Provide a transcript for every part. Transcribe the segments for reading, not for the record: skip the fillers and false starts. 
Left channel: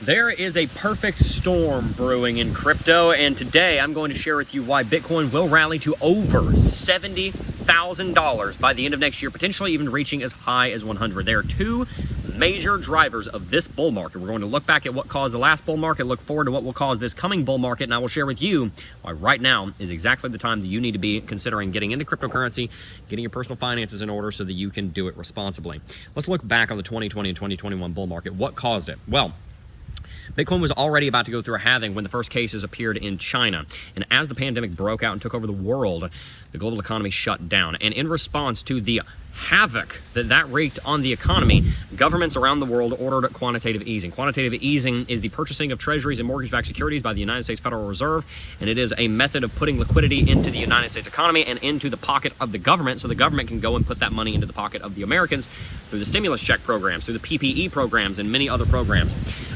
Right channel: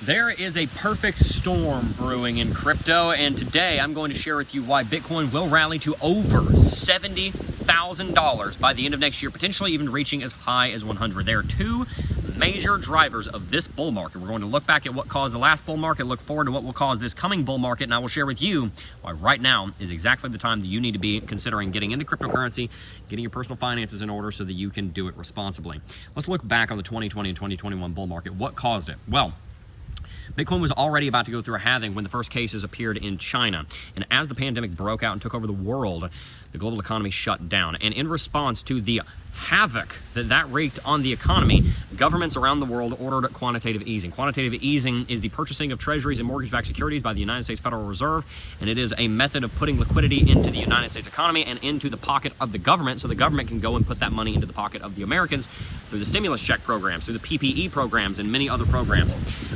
There is a perfect storm brewing in crypto, and today I'm going to share with you why Bitcoin will rally to over $70,000 by the end of next year, potentially even reaching as high as 100. There are two major drivers of this bull market. We're going to look back at what caused the last bull market, look forward to what will cause this coming bull market, and I will share with you why right now is exactly the time that you need to be considering getting into cryptocurrency, getting your personal finances in order so that you can do it responsibly. Let's look back on the 2020 and 2021 bull market. What caused it? Well, Bitcoin was already about to go through a halving when the first cases appeared in China. And as the pandemic broke out and took over the world, the global economy shut down. And in response to the havoc that wreaked on the economy, governments around the world ordered quantitative easing. Quantitative easing is the purchasing of treasuries and mortgage-backed securities by the United States Federal Reserve, and it is a method of putting liquidity into the United States economy and into the pocket of the government, so the government can go and put that money into the pocket of the Americans through the stimulus check programs, through the PPE programs, and many other programs.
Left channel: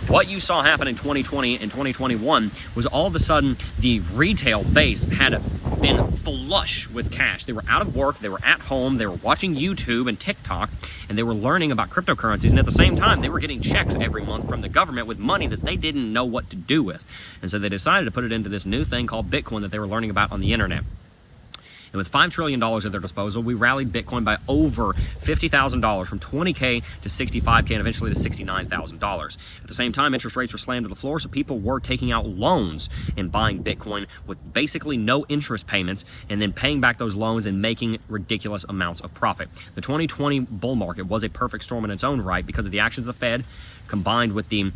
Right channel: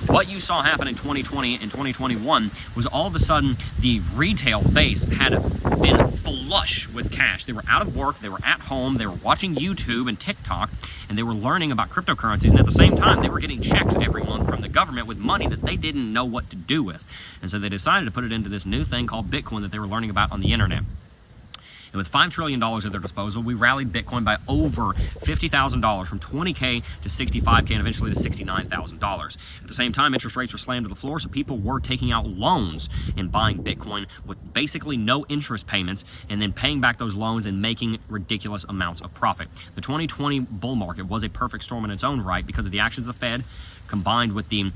What you saw happen in 2020 and 2021 was all of a sudden the retail base had been flush with cash. They were out of work, they were at home, they were watching YouTube and TikTok, and they were learning about cryptocurrencies, and at the same time they were getting checks every month from the government with money that they didn't know what to do with. And so they decided to put it into this new thing called Bitcoin that they were learning about on the internet. And with $5 trillion at their disposal, we rallied Bitcoin by over $50,000 from 20K to 65K and eventually to $69,000. At the same time, interest rates were slammed to the floor, so people were taking out loans and buying Bitcoin with basically no interest payments and then paying back those loans and making ridiculous amounts of profit. The 2020 bull market was a perfect storm in its own right because of the actions of the Fed combined with the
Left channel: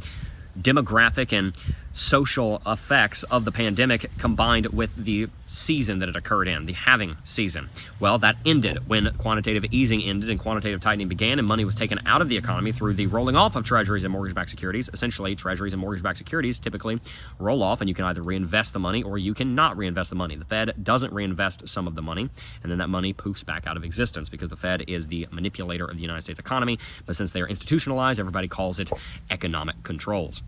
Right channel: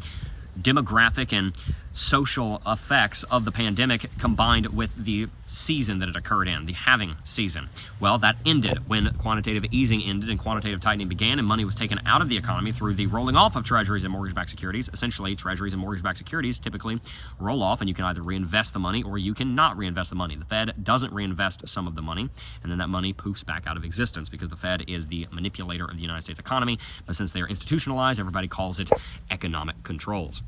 demographic and social effects of the pandemic combined with the season that it occurred in, the halving season. Well, that ended when quantitative easing ended and quantitative tightening began, and money was taken out of the economy through the rolling off of treasuries and mortgage-backed securities. Essentially, treasuries and mortgage-backed securities typically roll off, and you can either reinvest the money or you cannot reinvest the money. The Fed doesn't reinvest some of the money, and then that money poofs back out of existence because the Fed is the manipulator of the United States economy, but since they are institutionalized, everybody calls it economic controls.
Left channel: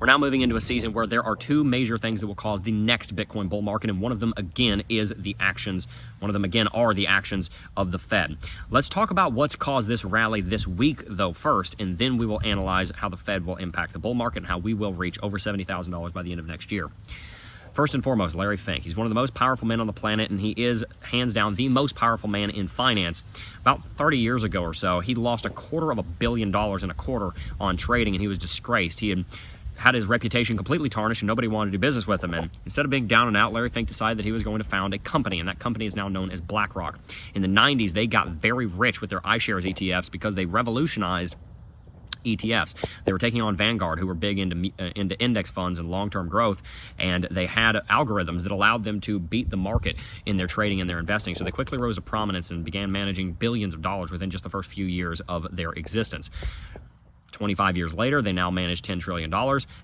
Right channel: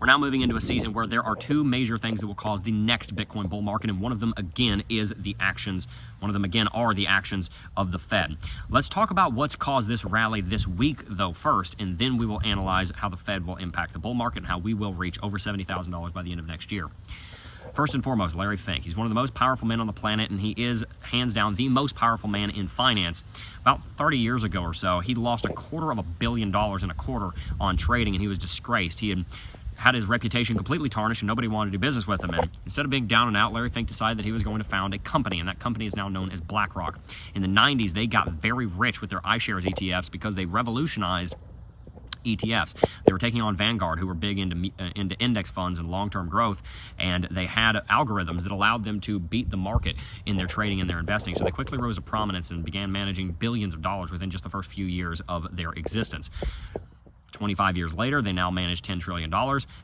We're now moving into a season where there are two major things that will cause the next Bitcoin bull market, and one of them again is the actions. One of them again are the actions of the Fed. Let's talk about what's caused this rally this week, though, first, and then we will analyze how the Fed will impact the bull market and how we will reach over $70,000 by the end of next year. First and foremost, Larry Fink. He's one of the most powerful men on the planet, and he is, hands down, the most powerful man in finance. About 30 years ago or so, he lost $250 million in a quarter on trading, and he was disgraced. He had his reputation completely tarnished, and nobody wanted to do business with him. And instead of being down and out, Larry Fink decided that he was going to found a company, and that company is now known as BlackRock. In the 90s, they got very rich with their iShares ETFs because they revolutionized ETFs. They were taking on Vanguard, who were big into index funds and long-term growth, and they had algorithms that allowed them to beat the market in their trading and their investing. So they quickly rose to prominence and began managing billions of dollars within just the first few years of their existence. 25 years later, they now manage $10 trillion,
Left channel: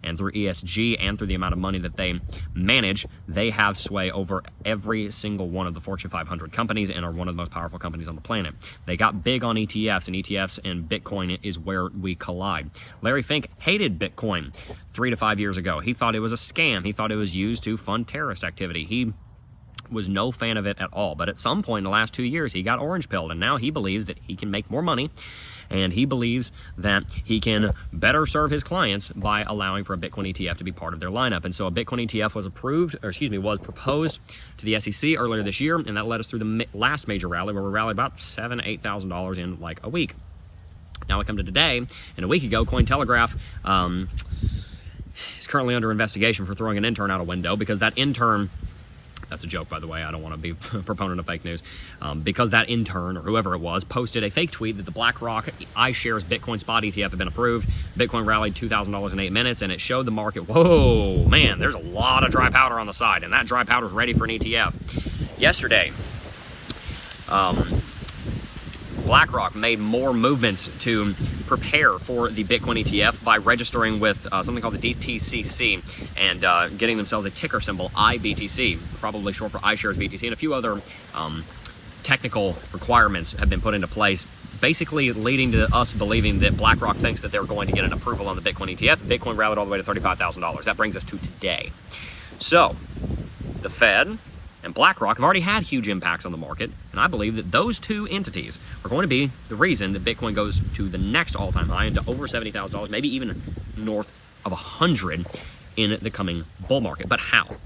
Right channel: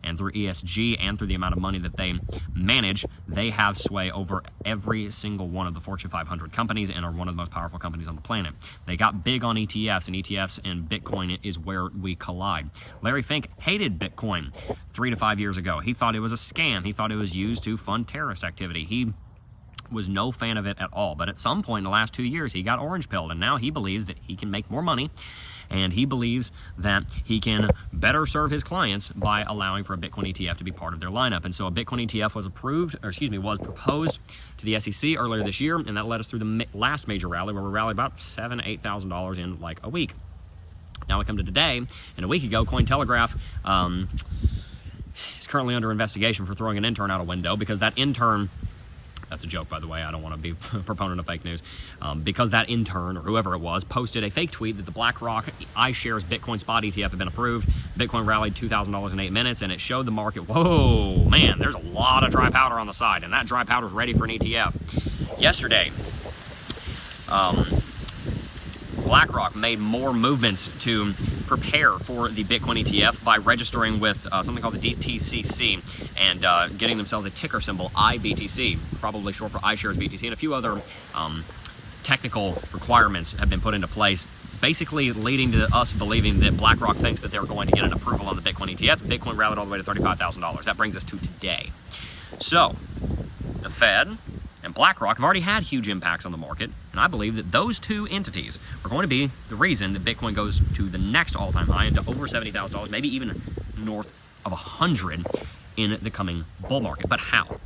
and through ESG and through the amount of money that they manage, they have sway over every single one of the Fortune 500 companies and are one of the most powerful companies on the planet. They got big on ETFs, and ETFs and Bitcoin is where we collide. Larry Fink hated Bitcoin 3 to 5 years ago. He thought it was a scam. He thought it was used to fund terrorist activity. He was no fan of it at all. But at some point in the last 2 years, he got orange-pilled, and now he believes that he can make more money, and he believes that he can better serve his clients by allowing for a Bitcoin ETF to be part of their lineup. And so a Bitcoin ETF was proposed to the SEC earlier this year, and that led us through the last major rally where we rallied about $7,000 to $8,000 in like a week. Now we come to today, and a week ago, Cointelegraph is currently under investigation for throwing an intern out a window because that intern— that's a joke, by the way. I don't want to be a proponent of fake news. Because that intern, or whoever it was, posted a fake tweet that the BlackRock iShares Bitcoin spot ETF had been approved. Bitcoin rallied $2,000 in 8 minutes, and it showed the market, whoa, man, there's a lot of dry powder on the side, and that dry powder is ready for an ETF. Yesterday, BlackRock made more movements to prepare for the Bitcoin ETF by registering with something called the DTCC and getting themselves a ticker symbol, IBTC, probably short for iShares BTC, and a few other technical requirements have been put into place, basically leading to us believing that BlackRock thinks that they're going to get an approval on the Bitcoin ETF. Bitcoin rallied all the way to $35,000. That brings us to today. So, the Fed and BlackRock have already had huge impacts on the market, and I believe that those two entities are going to be the reason that Bitcoin goes to the next all-time high into over $70,000, maybe even north of 100 in the coming bull market. But how?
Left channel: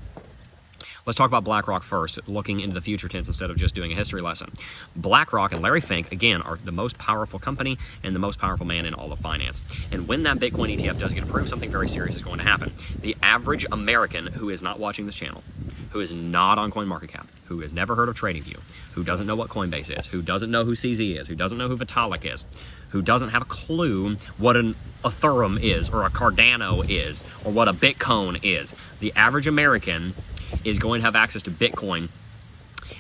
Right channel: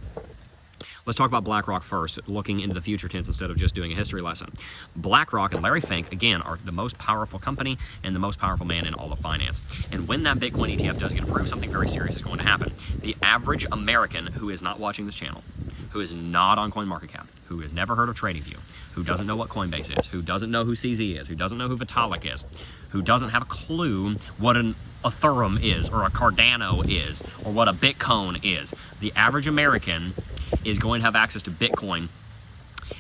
Let's talk about BlackRock first, looking into the future tense instead of just doing a history lesson. BlackRock and Larry Fink, again, are the most powerful company and the most powerful man in all of finance. And when that Bitcoin ETF does get approved, something very serious is going to happen. The average American who is not watching this channel, who is not on CoinMarketCap, who has never heard of TradingView, who doesn't know what Coinbase is, who doesn't know who CZ is, who doesn't know who Vitalik is, who doesn't have a clue what an Ethereum is, or a Cardano is, or what a Bitcoin is. The average American is going to have access to Bitcoin,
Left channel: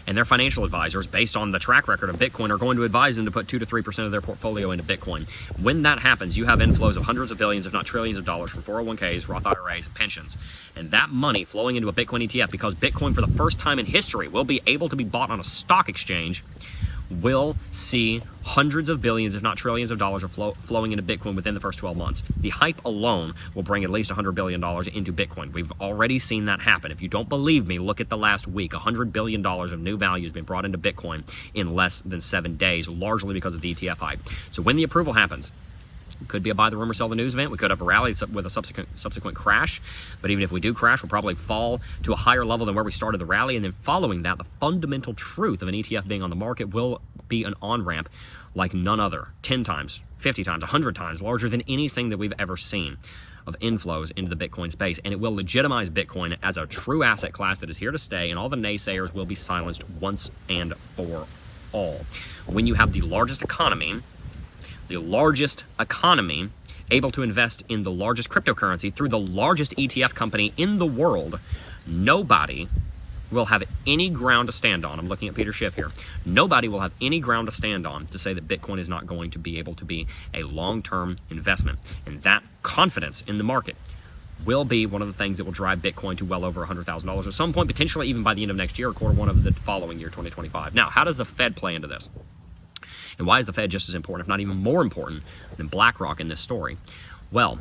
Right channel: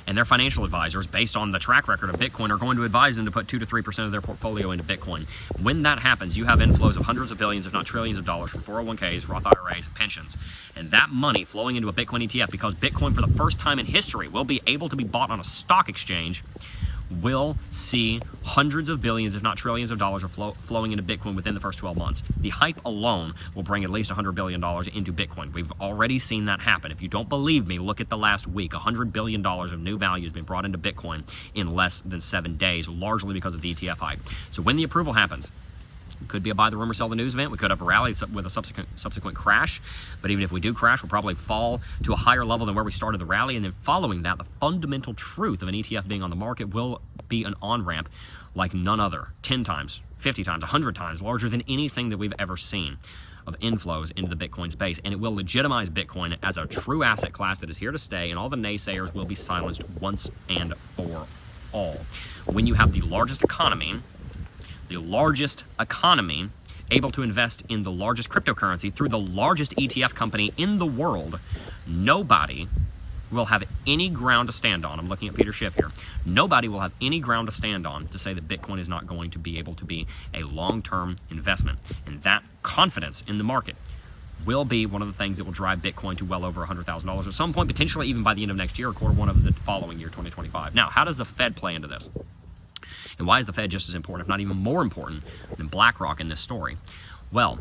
and their financial advisors, based on the track record of Bitcoin, are going to advise them to put 2 to 3% of their portfolio into Bitcoin. When that happens, you have inflows of hundreds of billions, if not trillions of dollars from 401ks, Roth IRAs, and pensions. And that money flowing into a Bitcoin ETF, because Bitcoin for the first time in history will be able to be bought on a stock exchange, will see hundreds of billions, if not trillions of dollars flowing into Bitcoin within the first 12 months. The hype alone will bring at least $100 billion into Bitcoin. We've already seen that happen. If you don't believe me, look at the last week. $100 billion of new value has been brought into Bitcoin in less than 7 days, largely because of the ETF hype. So when the approval happens, it could be a buy the rumor, sell the news event. We could have a rally with a subsequent crash. But even if we do crash, we'll probably fall to a higher level than where we started the rally. And then following that, the fundamental truth of an ETF being on the market will be an on-ramp like none other. 10 times, 50 times, 100 times larger than anything that we've ever seen of inflows into the Bitcoin space. And it will legitimize Bitcoin as a true asset class that is here to stay, and all the naysayers will be silenced once and for all. When you have the largest economy able to invest in the largest cryptocurrency through the largest ETF company in the world, nobody will have any ground to stand on. I'm looking at Peter Schiff here. Nobody will have any ground to stand on to say that Bitcoin is not going to be able to be a long-term investment. And that confidence in the market will be one of the things that will drive Bitcoin to well over $100,000 at some point, potentially even by the end of next year or quarter one of the following year, 2025. Now, how does the Fed play into this? And why is the Fed just as important, if not even more important, than BlackRock in this story? Well,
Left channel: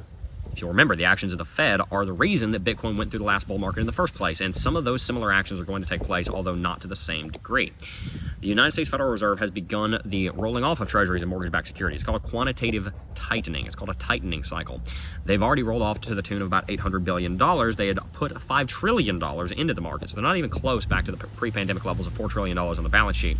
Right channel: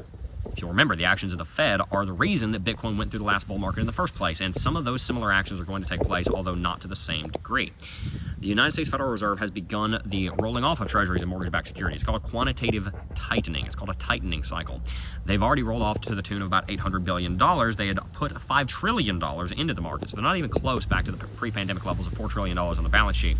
if you'll remember, the actions of the Fed are the reason that Bitcoin went through the last bull market in the first place, and some of those similar actions are going to take place, although not to the same degree. The United States Federal Reserve has begun the rolling off of treasuries and mortgage-backed securities. It's called a quantitative tightening. It's called a tightening cycle. They've already rolled off to the tune of about $800 billion. They had put $5 trillion into the market, so they're not even close back to the pre-pandemic levels of $4 trillion on the balance sheet.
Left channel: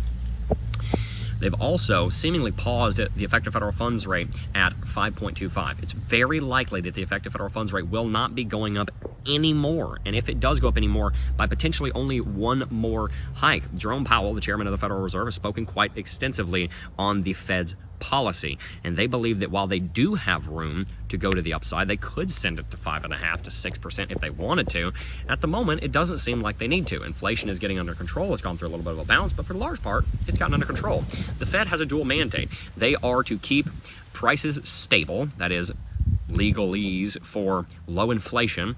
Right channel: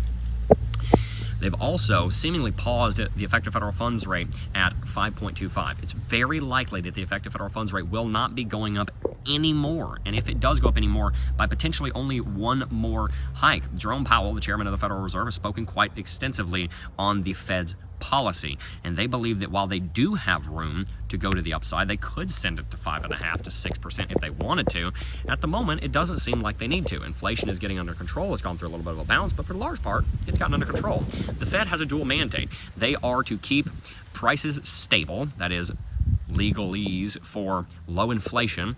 They've also seemingly paused the effective federal funds rate at 5.25. It's very likely that the effective federal funds rate will not be going up anymore. And if it does go up anymore, by potentially only one more hike. Jerome Powell, the chairman of the Federal Reserve, has spoken quite extensively on the Fed's policy. And they believe that while they do have room to go to the upside, they could send it to 5.5% to 6% if they wanted to. At the moment, it doesn't seem like they need to. Inflation is getting under control. It's gone through a little bit of a bounce, but for the large part, it's gotten under control. The Fed has a dual mandate. They are to keep prices stable, that is, legalese for low inflation,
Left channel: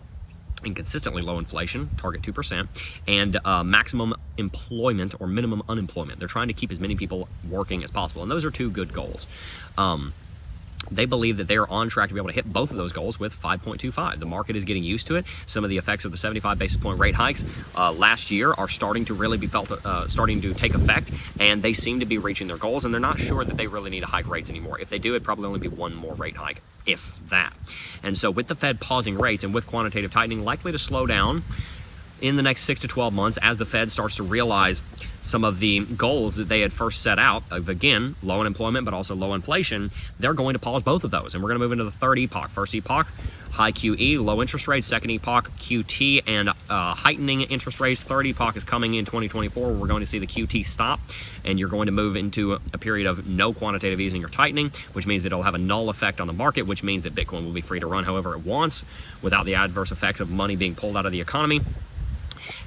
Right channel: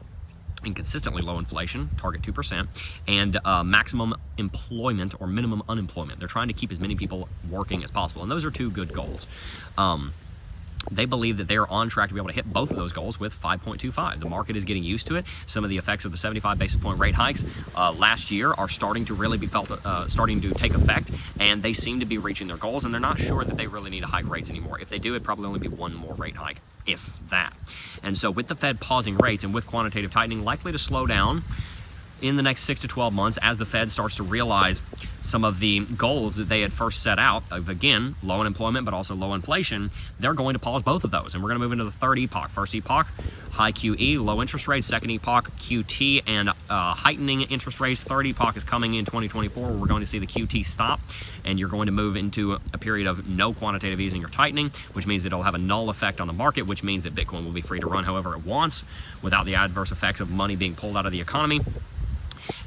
and consistently low inflation, target 2%, and maximum employment or minimum unemployment. They're trying to keep as many people working as possible, and those are two good goals. They believe that they are on track to be able to hit both of those goals with 5.25. The market is getting used to it. Some of the effects of the 75 basis point rate hikes last year are starting to really be felt, starting to take effect, and they seem to be reaching their goals, and they're not sure that they really need to hike rates anymore. If they do, it'd probably only be one more rate hike, if that. And so with the Fed pausing rates and with quantitative tightening likely to slow down in the next 6 to 12 months as the Fed starts to realize some of the goals that they had first set out of, again, low unemployment but also low inflation, they're going to pause both of those. And we're going to move into the third epoch. First epoch, high QE, low interest rates. Second epoch, QT and heightening interest rates. Third epoch is coming in 2024 where we're going to see the QT stop, and you're going to move into a period of no quantitative easing or tightening, which means that it'll have a null effect on the market, which means that Bitcoin will be free to run however it wants without the adverse effects of money being pulled out of the economy.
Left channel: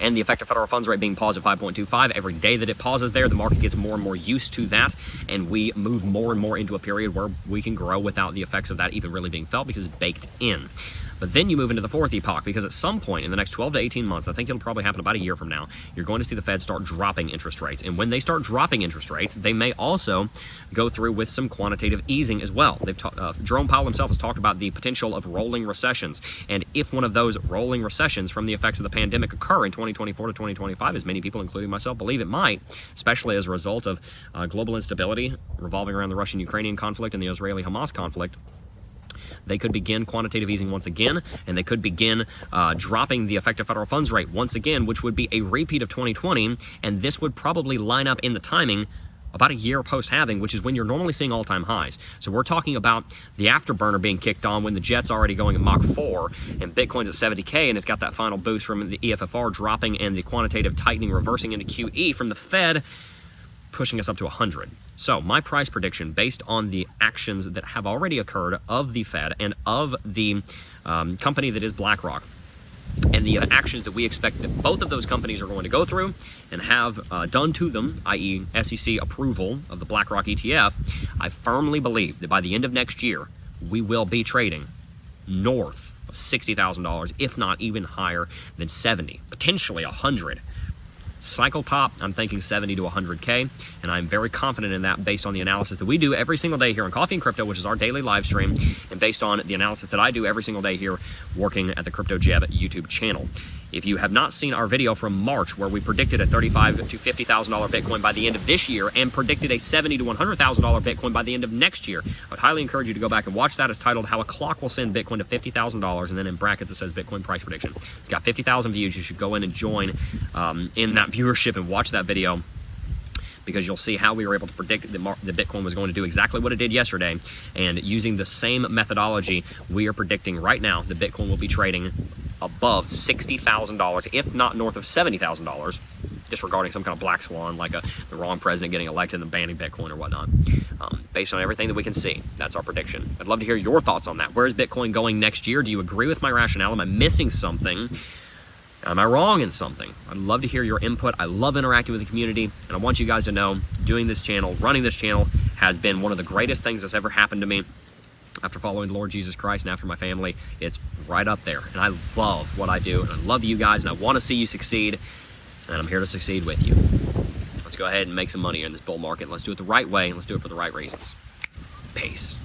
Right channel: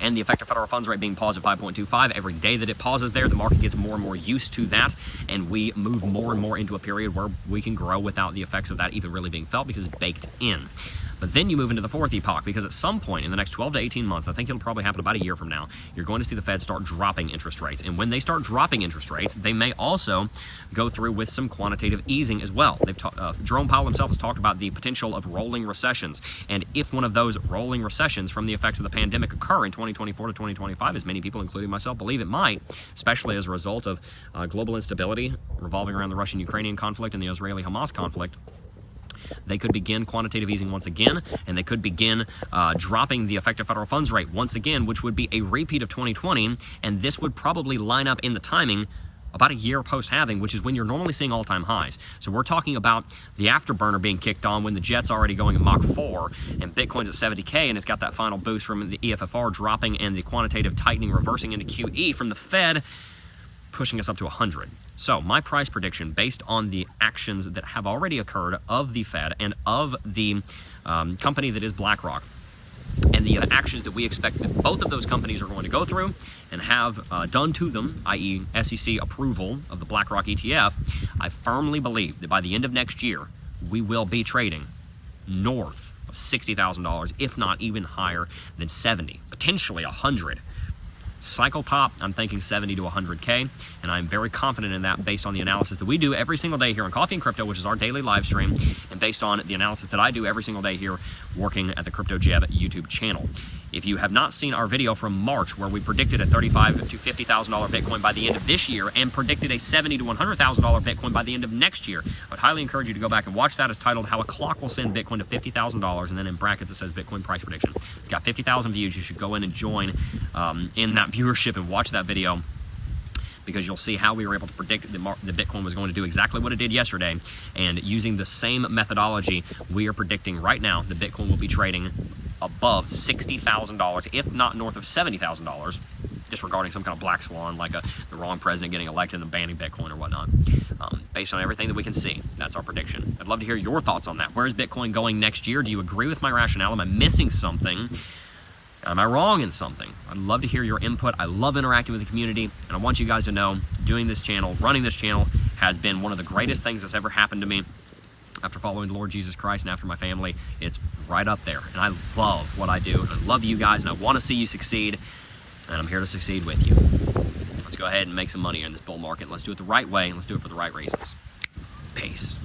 And the effective federal funds rate being paused at 5.25. Every day that it pauses there, the market gets more and more used to that, and we move more and more into a period where we can grow without the effects of that even really being felt because it's baked in. But then you move into the fourth epoch, because at some point in the next 12 to 18 months, I think it'll probably happen about a year from now, you're going to see the Fed start dropping interest rates. And when they start dropping interest rates, they may also go through with some quantitative easing as well. Jerome Powell himself has talked about the potential of rolling recessions. And if one of those rolling recessions from the effects of the pandemic occur in 2024 to 2025, as many people, including myself, believe it might, especially as a result of global instability revolving around the Russian-Ukrainian conflict and the Israeli-Hamas conflict, they could begin quantitative easing once again, and they could begin dropping the effective federal funds rate once again, which would be a repeat of 2020, and this would probably line up in the timing about a year post-halving, which is when you're normally seeing all-time highs. So we're talking about the afterburner being kicked on when the jet's already going at Mach 4 and Bitcoin's at 70K, and it's got that final boost from the EFFR dropping and the quantitative tightening reversing into QE from the Fed, pushing us up to 100. So my price prediction, based on the actions that have already occurred of the Fed and of the company that is BlackRock, and the actions that we expect that both of those companies are going to go through and have done to them, i.e. SEC approval of the BlackRock ETF, I firmly believe that by the end of next year, we will be trading north of $60,000, if not even higher than 70, potentially 100. Cycle top, I'm thinking 70 to 100K, and I'm very confident in that based on the analysis that we do every single day here on Coffee and Crypto, which is our daily live stream, and based on the analysis that I do every single day here working at the Crypto Jeb YouTube channel. If you have not seen our video from March where we predicted a $35,000 to $50,000 Bitcoin by the end of this year and predicted a $70,000 to $100,000 Bitcoin by the end of next year, I would highly encourage you to go back and watch that. It's titled How a Clock Will Send Bitcoin to $50,000, and then in brackets it says Bitcoin Price Prediction. It's got 50,000 views. You should go in and join in that viewership and watch that video, because you'll see how we were able to predict that the Bitcoin was going to do exactly what it did yesterday. And using the same methodology, we are predicting right now that Bitcoin will be trading above $60,000, if not north of $70,000, disregarding some kind of black swan like the wrong president getting elected and banning Bitcoin or whatnot. Based on everything that we can see, that's our prediction. I'd love to hear your thoughts on that. Where's Bitcoin going next year? Do you agree with my rationale? Am I missing something? Am I wrong in something? I'd love to hear your input. I love interacting with the community, and I want you guys to know doing this channel, running this channel, has been one of the greatest things that's ever happened to me after following the Lord Jesus Christ and after my family. It's right up there, and I love what I do, and I love you guys, and I want to see you succeed, and I'm here to succeed with you. Let's go ahead and make some money in this bull market. Let's do it the right way, and let's do it for the right reasons. Peace.